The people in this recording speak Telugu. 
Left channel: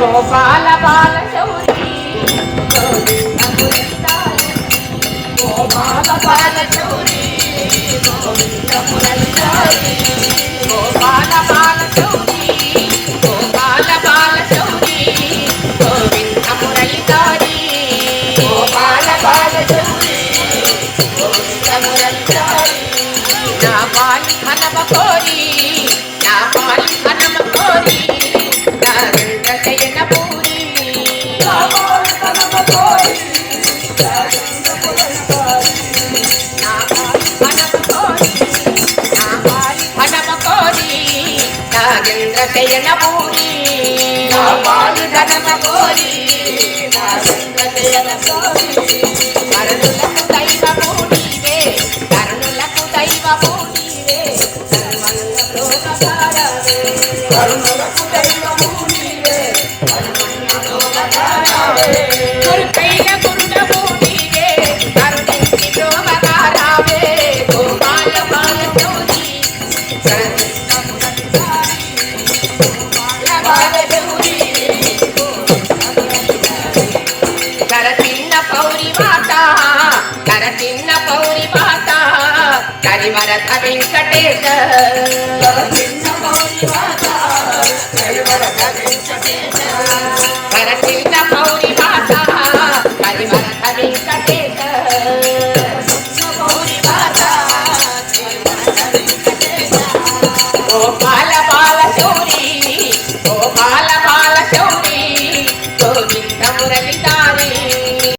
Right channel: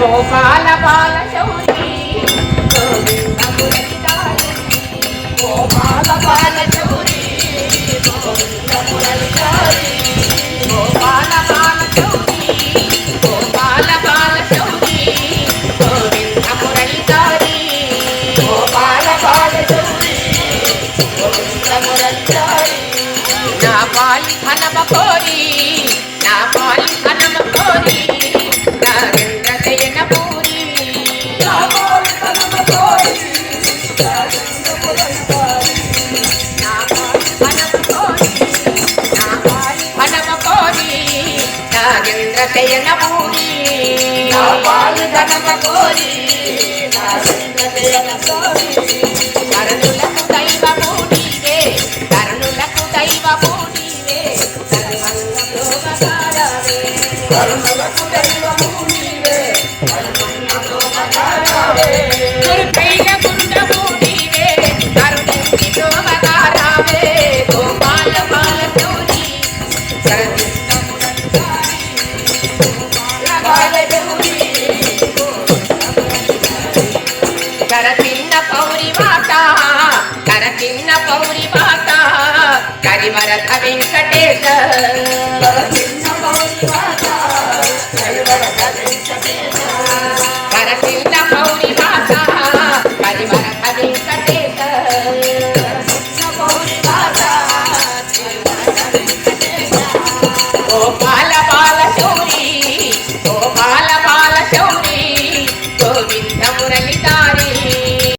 గోపాల బాల శౌరి గోవింద మురళిదారి గోపాల బాల శౌరి గోవింద మురళిదారి గోపాల బాల శౌరి గోపాల బాల శౌరి గోవింద మురళిదారి గోపాల బాల శౌరి గోవింద మురళిదారి నా పాలి హనమ కోరి నా పాలి హనమ కోరి నాగేంద్ర శయన పూరి నా పాలి హనమ కోరి నాగేంద్ర పురస్తారి నా పాలి హనమ కోరి నా పాలి హనమ కోరి నాగేంద్ర శయన పూరి నా పాలి హనమ కోరి నాగేంద్ర శయన పూరి కరుణులకు దైవము నీవే కరుణులకు దైవము నీవే సర్వంగ లోకకారవే కరుణులకు దైవము నీవే సర్వంగ లోకకారవే గురుకైల గురుడము నీవే కరుణించి లోకకారవే గోపాల బాల శౌరి కరుణించ మురళిదారి గోపాల బాల శౌరి కరచిన్న పౌరి మాత కరచిన్న పౌరి మాత కరివరథ వెంకటేశ కరచిన్న పౌరి మాత